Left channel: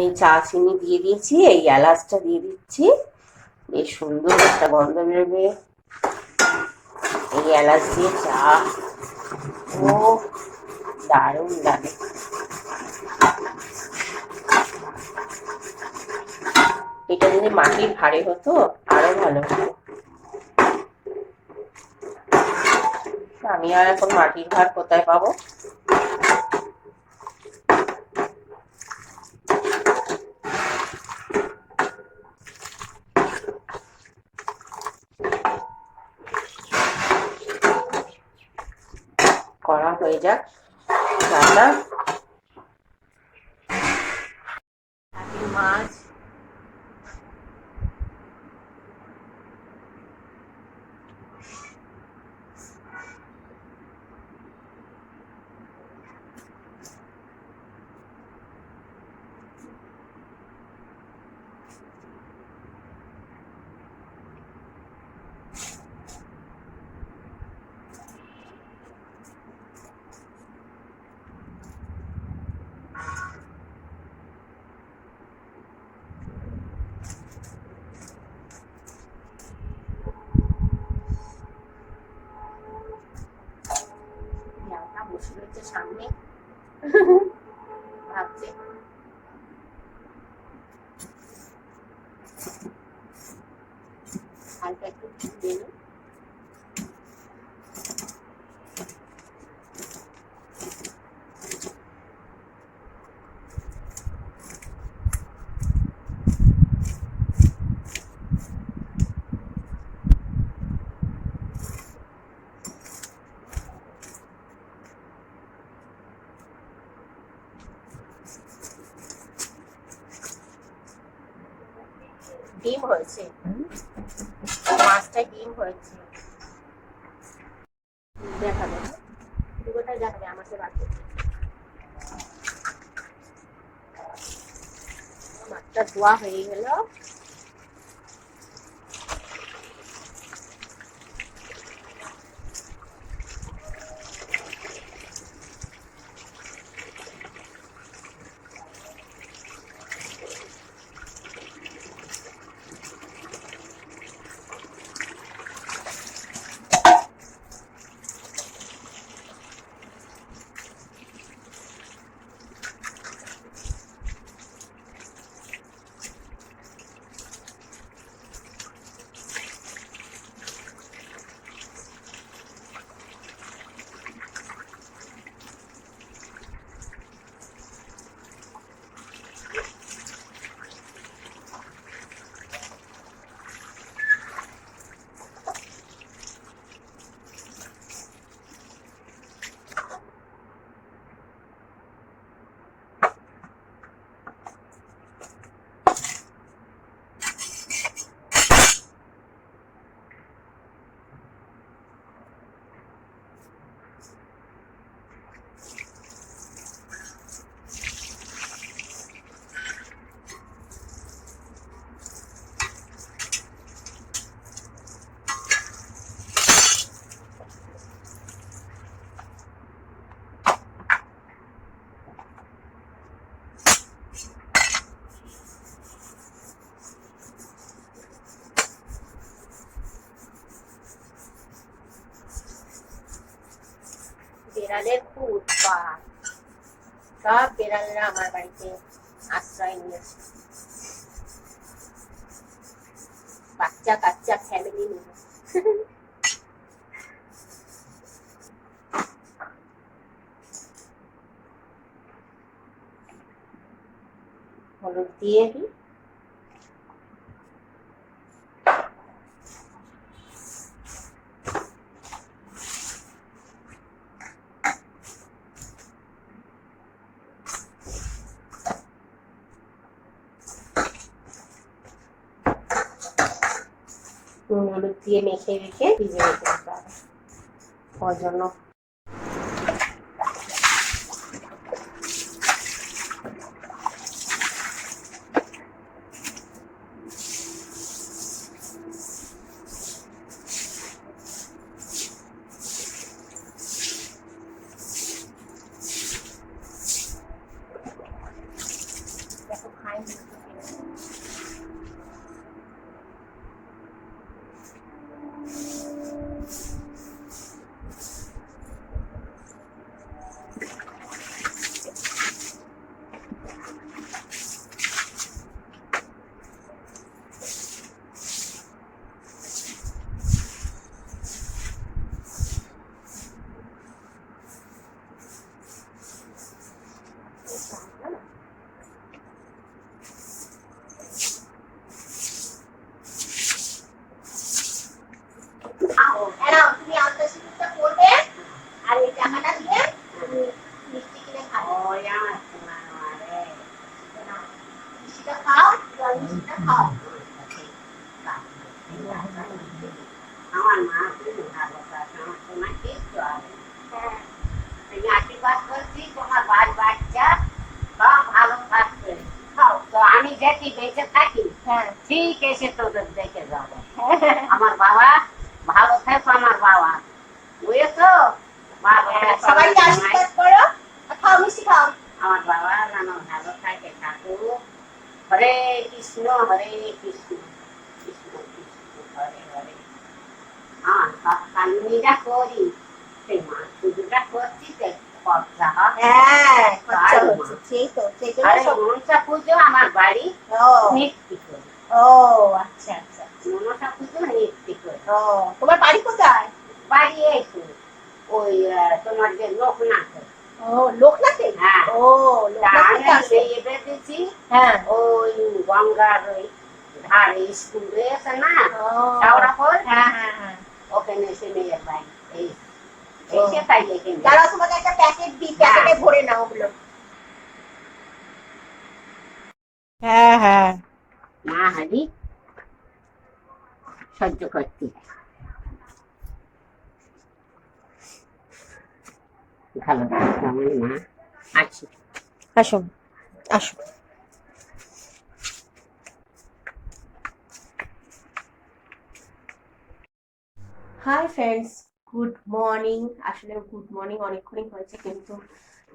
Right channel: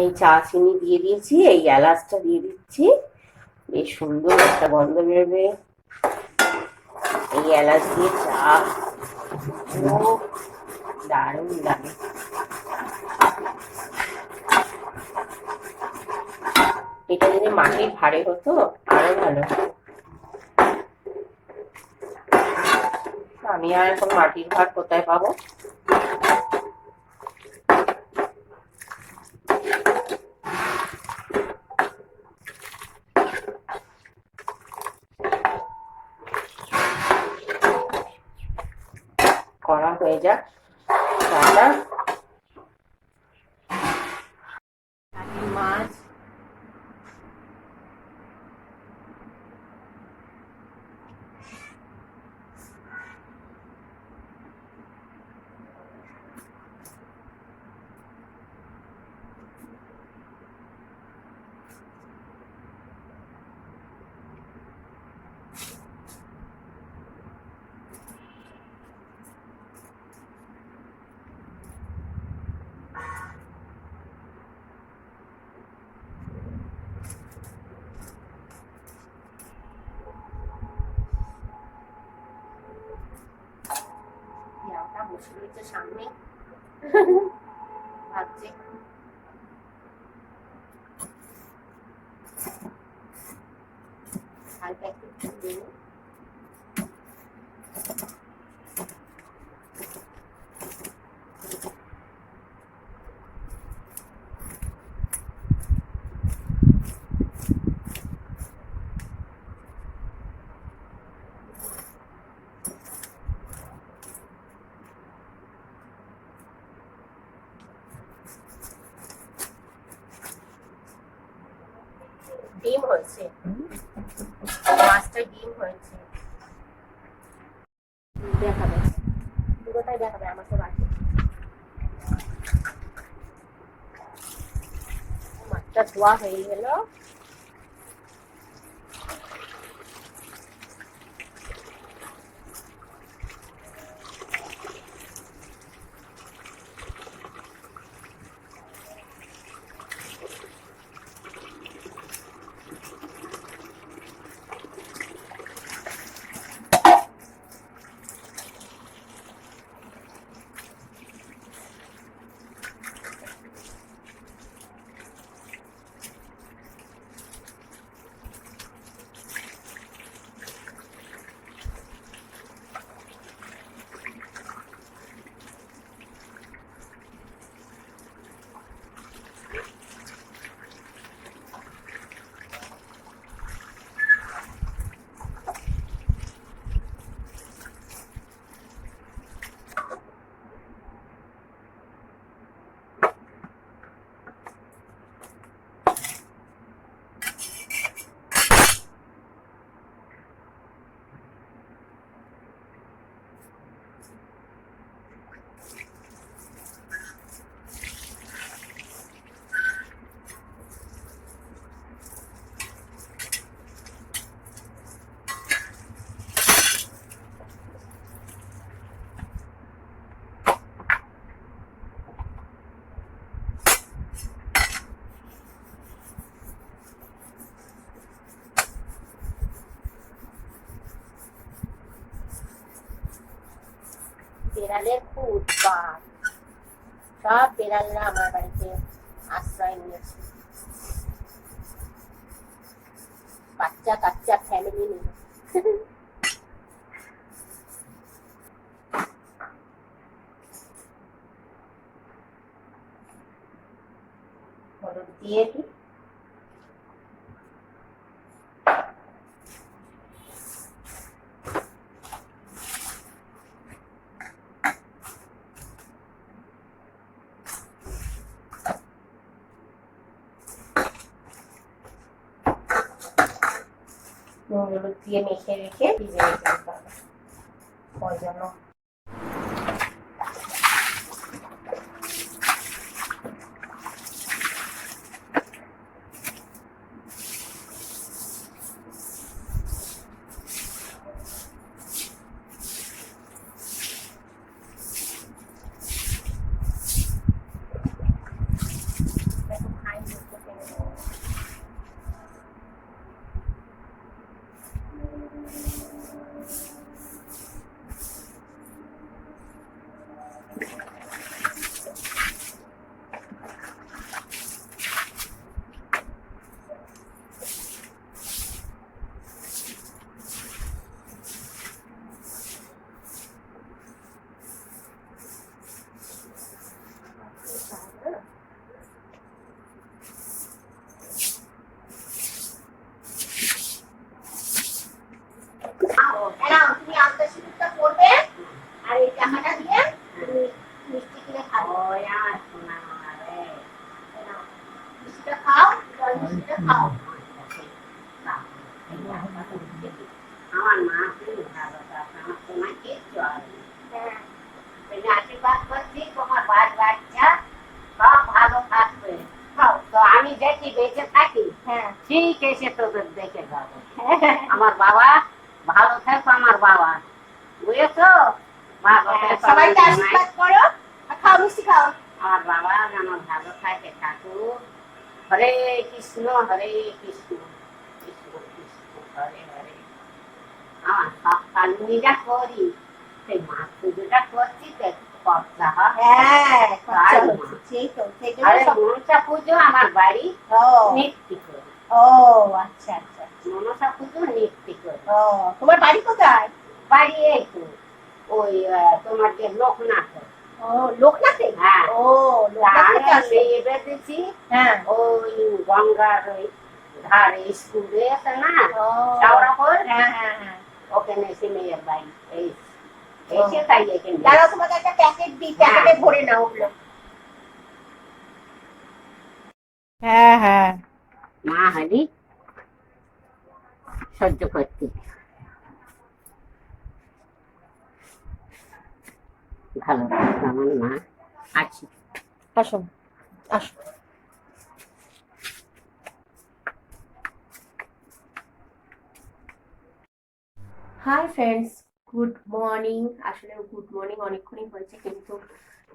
এই চা চিনি দিয়ে দিয়েছি, এই এলাচটা দিয়ে দিচ্ছি, বেশ সুন্দর একটা গন্ধ বেরোবে এই এলাচ দিয়ে চা। ও দারুণ লাগে। এটা যদি মাটির ভাঁড়ে হতো আরো ভালো হতো। আমি আর এখন মাটির ভাঁড় কোথায় পাবো। করা হয়ে যাক চাটা। মাছ বসে রয়েছে সামনে, ভাবছে হালকা একটু দিয়ে ডিম হয়েছে, মাছটা ডিম হয়েছে। দেখাবে কোথায় দেখাবে আমাকে বাকি। মাছটা ধোয়া হয়ে গেল। বেড়ালের খুব উৎপাত, সব বেড়ালরা আমার বাড়িতে আশ্রয় নিয়েছে, বাচ্চা কাচ্চা ফ্যামিলি নিয়ে। হলুদ দিয়ে দিই, হলুদ দিয়ে মেখে রেখে ভিজিয়ে রেখে দিতে হবে ওর জন্য। তুমি আলতা সিঁদুরটা পরবে আর এই টাকাটা দিয়ে তুমি মিষ্টি কিনে খাও। মিষ্টিটা খাও, জল মিষ্টিটা খাও। আমার মা খুব ভালো থাকে, আমার সোনা কিচ্ছু হবে না। এই আশীর্বাদ করছি তোমার বাচ্চা সব ভালো থাকবে। তো আমি যেটি বেঁচে থাকি ঠিক এসে তোদের দেখে যাবো। আমার বাবা ভালো থাকো, আমার বাবা বুঝেছো? সবাইকে আশীর্বাদ করো, খাও মিষ্টি খাও। আমার বাবা যেন ভালো থাকে, ঠাকুর। হরে কৃষ্ণ হরে কৃষ্ণ কৃষ্ণ কৃষ্ণ হরে হরে। আমার সব কালুনি যা করি সেই মাছ পুজোটা করছি খরচা হয়। মনসা পুজো আমার বাড়ি নিত্যি করি। ও আচ্ছা আচ্ছা, মনসা পুজো নিত্যি করি। তোমার বাড়ি কোথায়? বাড়ি এই তো ওই তোমার যে লোকনাথ। ও লোকনাথে? হ্যাঁ। ও লোকনাথে বেঁধেছি। হ্যাঁ, ওই গঙ্গার ওই ধারে স্কুলে আছে না চাওড়াপুর, হ্যাঁ হ্যাঁ হ্যাঁ, ওখানে এসে মেয়ের বাড়ি এই এসে তাই এখানে যারা তোমাকে একটা প্যাকেট দিই, প্যাকেটে ভরে নাও ওগুলো। হ্যাঁ হ্যাঁ, মা হারি সহ্য করতে ভালো আমার মা আছে। আসো আসো। Hi friends, good morning. আসলে গুড মর্নিং অনেকক্ষণই হয়েছে, কিন্তু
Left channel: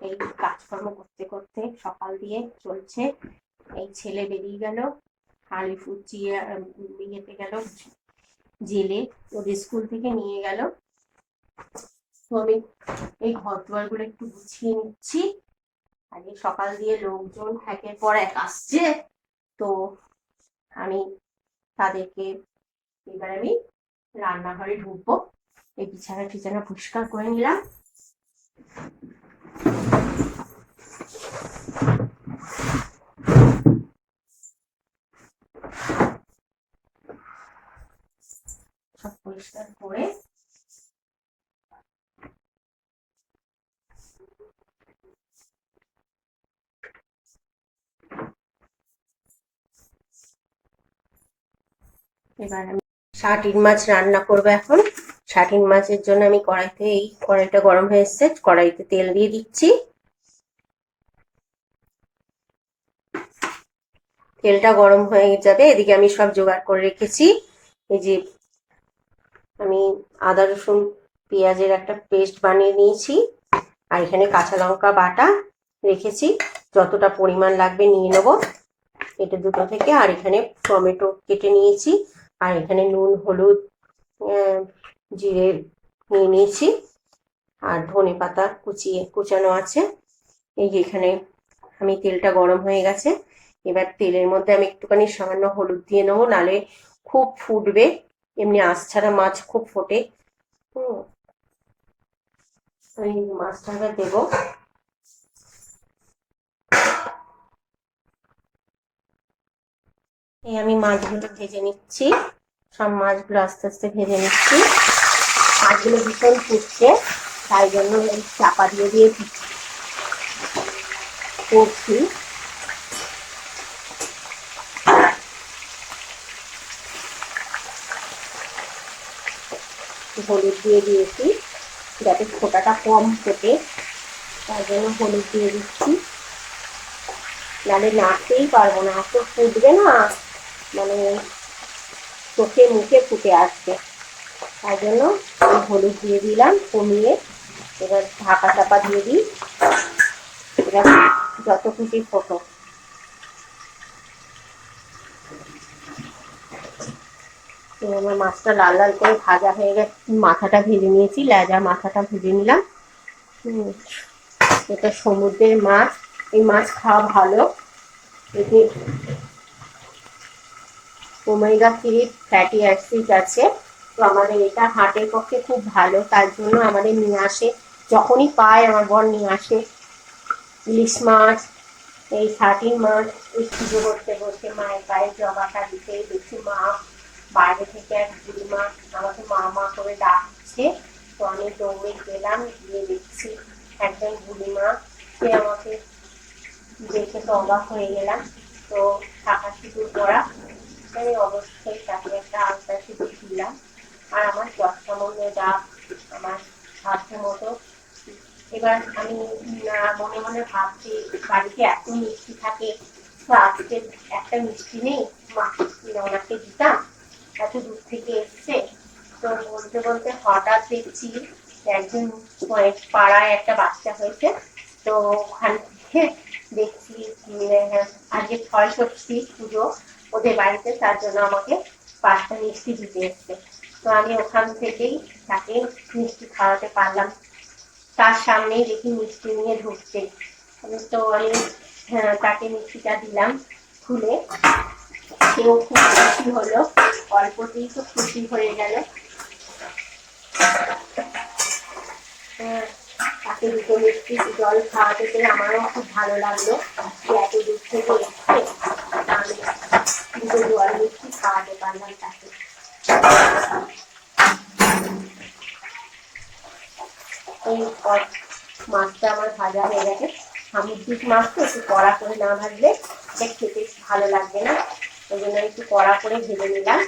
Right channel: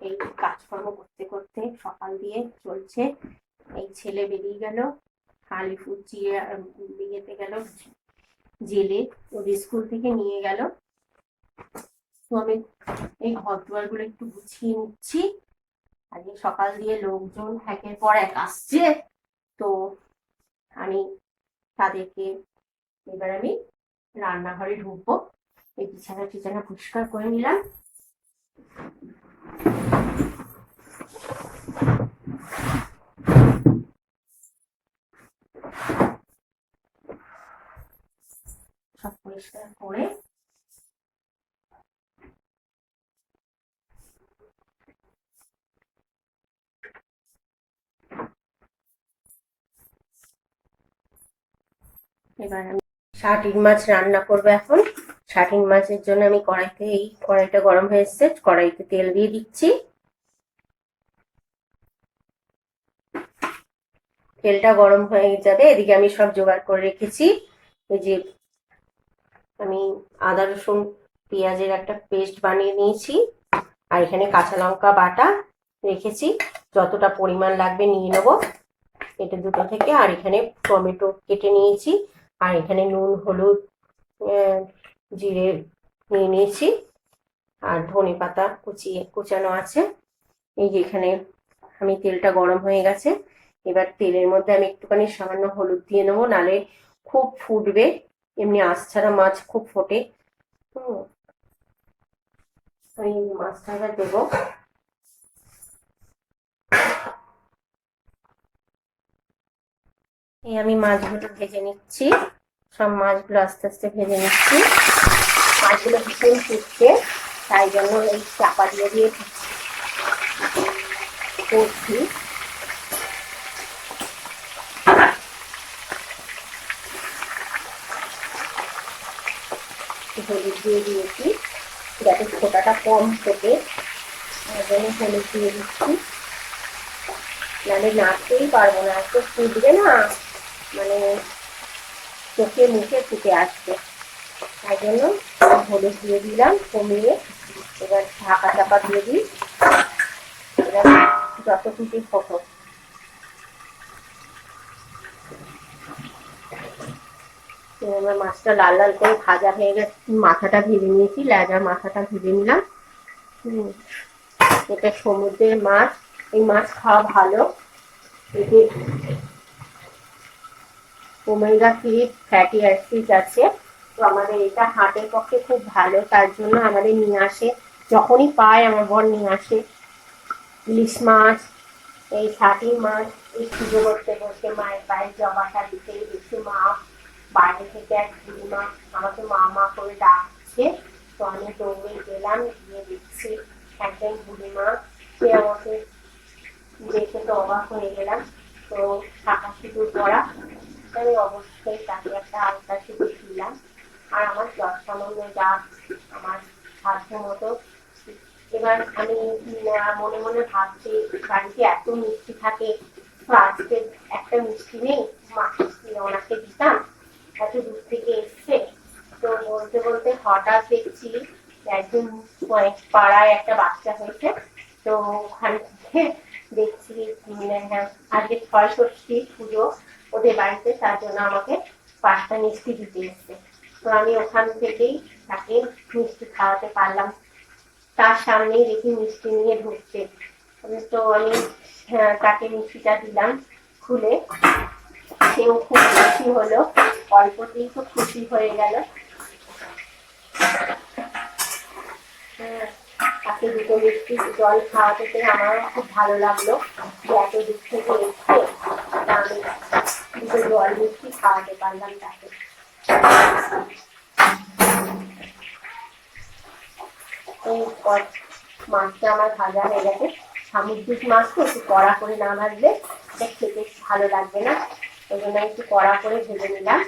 এই কাজকর্ম করতে সকাল দিয়ে চলছে। এই ছেলে বেরিয়ে গেল, আলিপুর ইয়েতে গেল জেলে, ওদের স্কুল থেকে নিয়ে গেল। তো আমি এই ঘর দুয়ারগুলো একটু গুছিয়ে নিচ্ছি। আজকে সকাল দিয়ে লোকজন একের পর এক আসছে, তো আমি তাদেরকে এবার আমি রান্নাঘরে ঢুকবো। এই বিছানা পরিষ্কার করে নিলাম। সব পরিষ্কার করে এবার আমি শাটিন মাছ রান্না করবো। এখন শাটিন মাছের জন্য আমি কড়াইটা গরম হয়ে এসছে, কড়াইতে তেল দিয়ে দিচ্ছি। তেলটা গরম হয়ে যাবে, এদিকে আমি সব জোগাড় করে রেখেছি। এই যে আমি আদা রসুন পেঁয়াজের একটা পেস্ট বানিয়ে নিয়েছি, আর এখানে কাঁচা লঙ্কা বাটা রেখেছি, যতটা পরিমাণ লাগবে নিয়ে নেবো এটা দুটো থেকে। আর এখানে টমেটো কেটে নিয়েছি, আর এখানে নুন হলুদ জিরে নিয়ে নিয়েছি, আর ধনে পাতা কুচানো আছে। এই যে এখানে আমি তেলটা গরম হয়ে গেছে, এবার তেলের মধ্যে আমি একটুখানি সামান্য হলুদ দিয়ে নেবো, নালে খুব ফুটবে। এমনি আঁশ ছাড়া মাছ খুব ফোটে। এই মাছটাকে দেবো। এই আমি মাছগুলো ভেজে নিচ্ছি, সব মাছগুলো আস্তে আস্তে ভেজে নিচ্ছি। মাছগুলো ভীষণ ফুটছে, তাই জন্য এই চাপা দিয়ে করছি। হলুদ দিয়ে দিয়েছি যাতে ফোটাটা কম ফোটে, তাই জন্য হলুদ দিয়ে দিচ্ছি, নাহলে নাড়তেই পারবো না, এত ফুটবে না, মানে চোখে মুখে ফুটে আসবে। তাই জন্য হলুদ দিয়ে দিলাম কমিয়ে। এবার ঢাকা চাপা দিয়ে দিই, এবার যত খুশি ফোটো। আমার মাছটা লাল লাল করে ভাজা হয়ে গেছে, মাথাটা ভেজে নিয়েছি, লেজা মাথাটা ভেজে নিলাম। এটা সমুদ্রের মাছ, এই মাছ খাওয়া ভালো, এতে ওমেগা 3 ফ্যাটি অ্যাসিড আছে। তো আমাদের এটা হার্টের পক্ষে খুব ভালো, তার জন্য আমাদের নিয়ে আসে, যখনই পায় আমার বর নিয়ে আসে ইলিশ মাছ, এই ছাটি মাছ। এই পুজো করতে বসে মায়ের পায়ে জবাটা দিতেই দেখছি মা বাইরে থেকে এক বুড়িমা আমাকে মা মা করে ডাকছে। তো আমি দৌড়ে গেলাম, গিয়ে দেখছি একজন বুড়িমা, সে আমাকে দেখে তো অবাক হয়ে গেলাম। তো শাঁখা সিঁদুর পরা, আমি অবশ্যই তাকে একটা আলতা সিঁদুর দিলাম। আর আমার যৎসামান্য যা আমার সাধ্য মতো। এবার আমি মনে মনে ভাবছি বাড়িতে এত মিষ্টি থাকে, তো আজকে একটা মিষ্টি নেই, মাকে ওনাকে দিতাম, এত দূর থেকে এসছে। তো বলতে বলতে হঠাৎ দেখছি একজন পাড়ায় একটা বাচ্চা হয়েছে, তো ওখান থেকে দেখছি আজকে ৬ষষ্ঠী পুজো ওদের বাড়িতে, তার জন্য আমাকে 5টা মিষ্টি দিতে এসছে। তো আমি ওখান থেকেই তাকে মিষ্টি খাওয়াতে পারলাম। তার সামনেই দেখি মিষ্টি নিয়ে ঢুকছে, তো আমি তাকে মিষ্টিটা দিলাম খুলে। সেও খুব খুশি হলো, অল্পতেই তো খুশি হয়ে গেল। তাকে দুটো মিষ্টি জল খাওয়াতে পেরে আমারও খুব ভালো লাগলো যে এত দূর থেকে এসছে, আমি দুটো জল মিষ্টি খাওয়াতে পারলাম তাকে। এই মাছটা আমার ভাজা হয়ে গেছে। সামুদ্রিক মাছ তো একটু কড়া করে না ভাজলে এটা খেতে ভালো লাগবে না, ওই জন্য একটু কড়া করে ভেজে নিলাম।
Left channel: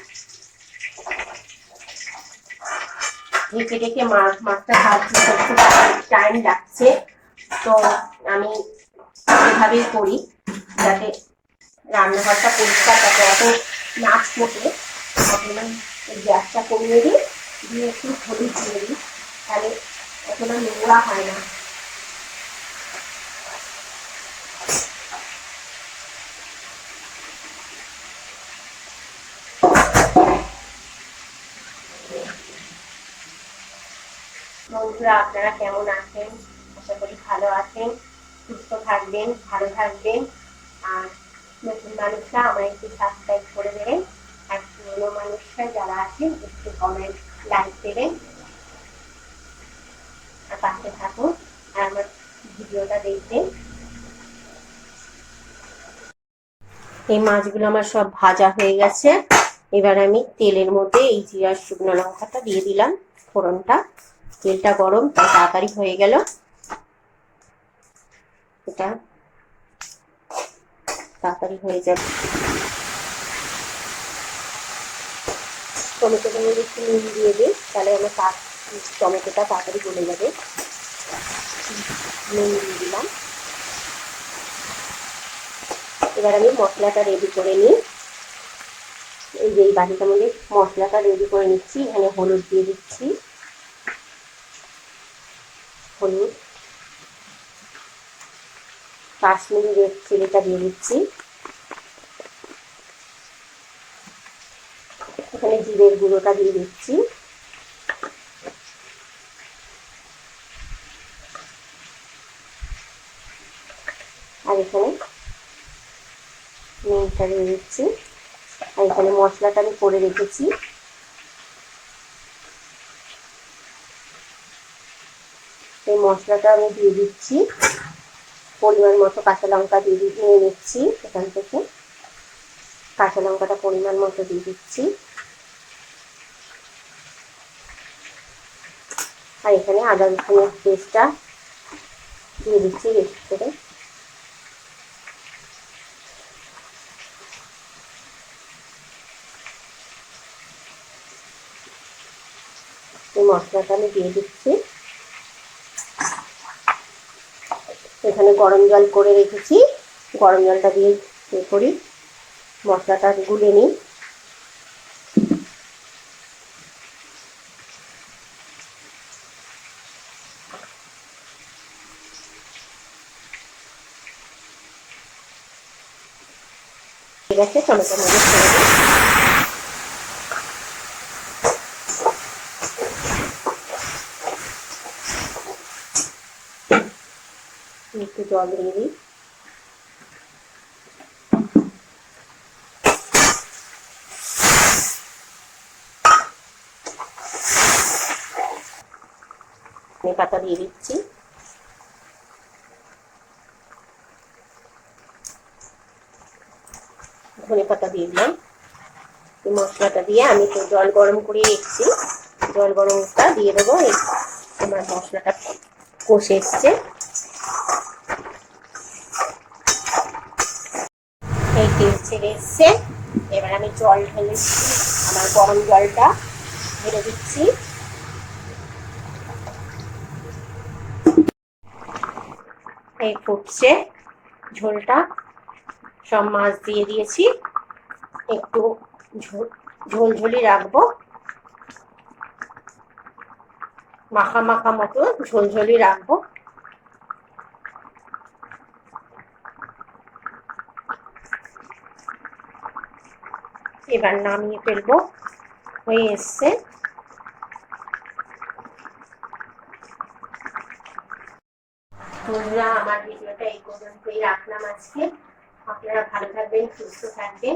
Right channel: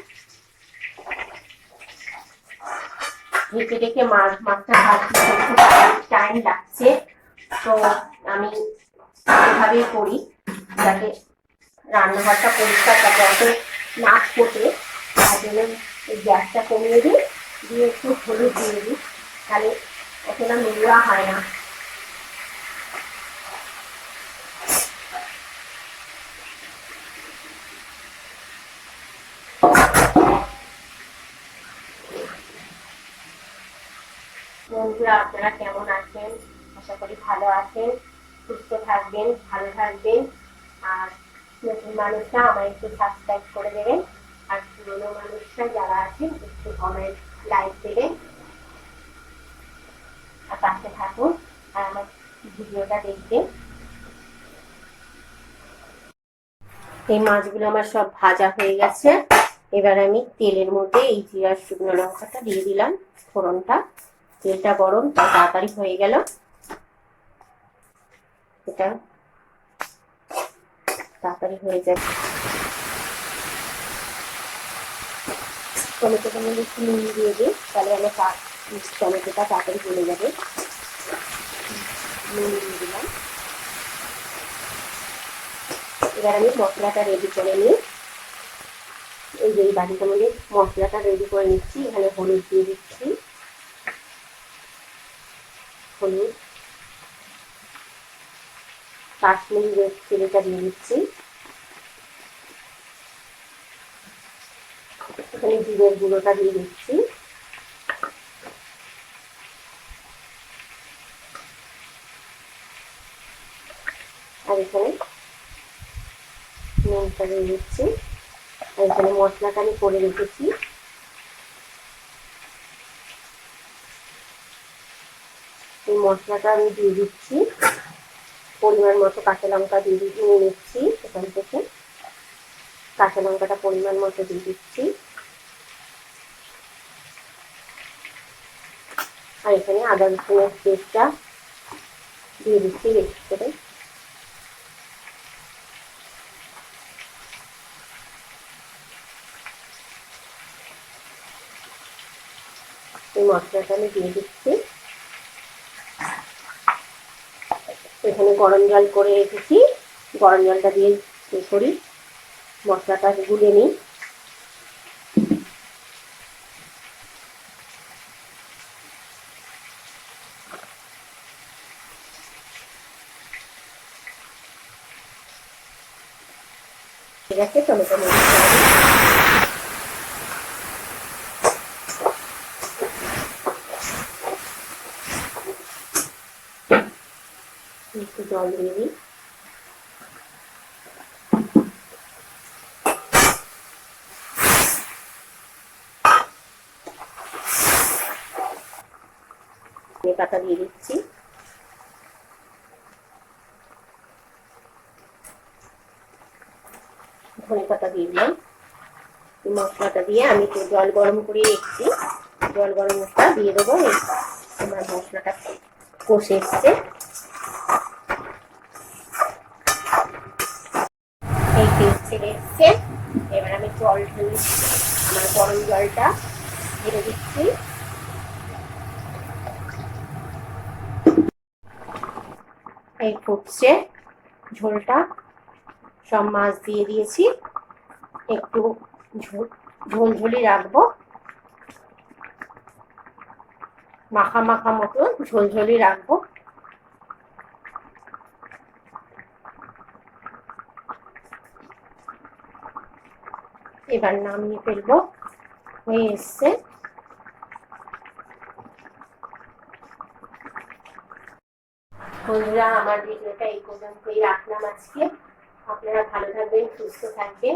ঢেকে ঢেকে মাছটা ভাজতে একটু টাইম লাগছে, তো আমি এভাবেই করি যাতে রান্নাঘরটা পরিষ্কার থাকে, অত নাচ ফোটে। তার জন্য গ্যাসটা কমিয়ে দিই, দিয়ে একটু হলুদ দিয়ে দিই, তাহলে অতটা নোংরা হয় না। বন্ধুরা, আপনারা কেমন আছেন? আশা করি ভালো আছেন, সুস্থ থাকবেন, ভালো থাকবেন। আর নতুন মানুষরা আমায় একটু সাবস্ক্রাইব করে দেবেন, আর পুরোনো মানুষরা যারা আছেন একটু কমেন্ট লাইক দেবেন, আর পাশে থাকুন আর আমার ভিডিওটা দেখবেন। এই মাছগুলো আমার সব ভাজা হয়ে গেছে। এবার আমি তেলের মধ্যে এই জিরা শুকনো লঙ্কাটা দিয়ে দিলাম ফোড়নটা। তেলটা গরম, তাই তাড়াতাড়ি হয়ে গেল। এটা তাড়াতাড়ি হয়ে যাবে। টমেটোটার মধ্যে একটু নুন দিয়ে দিই, তাহলে আমার টমেটোটা তাড়াতাড়ি গলে যাবে। নুন দিয়ে দিলাম। এবার আমি মশলাটা রেডি করে নিই। এই যে এই বাটিটার মধ্যে মশলাটা রেডি করে নিচ্ছি। এখানে হলুদ দিয়ে দিচ্ছি, হলুদ, কাশ্মীরি রেড চিলিটা দিয়ে দিচ্ছি, এখানে জিরের গুঁড়োটা দিয়ে দিচ্ছি, আর এখানে নুনটা দিয়ে দিচ্ছি, আর এখানে মশলাটা আমি করে রেখেছি। এই মশলাটা আমি দিয়ে দিচ্ছি, পরিমাণ মতো কাঁচা লঙ্কা নিয়ে নিচ্ছি এখান থেকে, কাঁচা লঙ্কাটা পরিমাণ মতো দিয়ে দিচ্ছি। আর এখানে আদা রসুনের পেস্টটা দিয়ে দিচ্ছি বেশি করে। এই মশলাটা আমি দিয়ে দিচ্ছি। এখানে গরম জল করে রেখেছি, গরম জলটা দিয়ে করি, মশলাটা গুলে নিই। ঠিক আছে, টমেটো মরিচ ছেড়ে দিই। একটু জল দিয়ে দিই। ধনে পাতা দিয়ে দিচ্ছি। ধনে পাতা দিয়ে দিলাম। মশলাটা দিয়ে আমি তো জল গরম করে রেখেছি, জল গরমটা দিয়ে দেবো। আমার মশলাটা কষে এসছে, এই তেল ছেড়ে এসছে। এবার আমি জল ঢেলে আমার গরম জলটা ঢেলে দিচ্ছি। এই ফুটছে ঝোলটা, সব মাছ দিয়ে দিয়েছি, একটু ঝোলঝোলি রাখবো, মাখা মাখা মতো ঝোলঝোলি রাখবো। এবার নামিয়ে ফেলবো, হয়ে এসছে। বন্ধুরা, আমার ভিডিওটা এই পর্যন্তই রাখলাম আজকে। আপনারা ভালো থাকবেন, সুস্থ থাকবেন।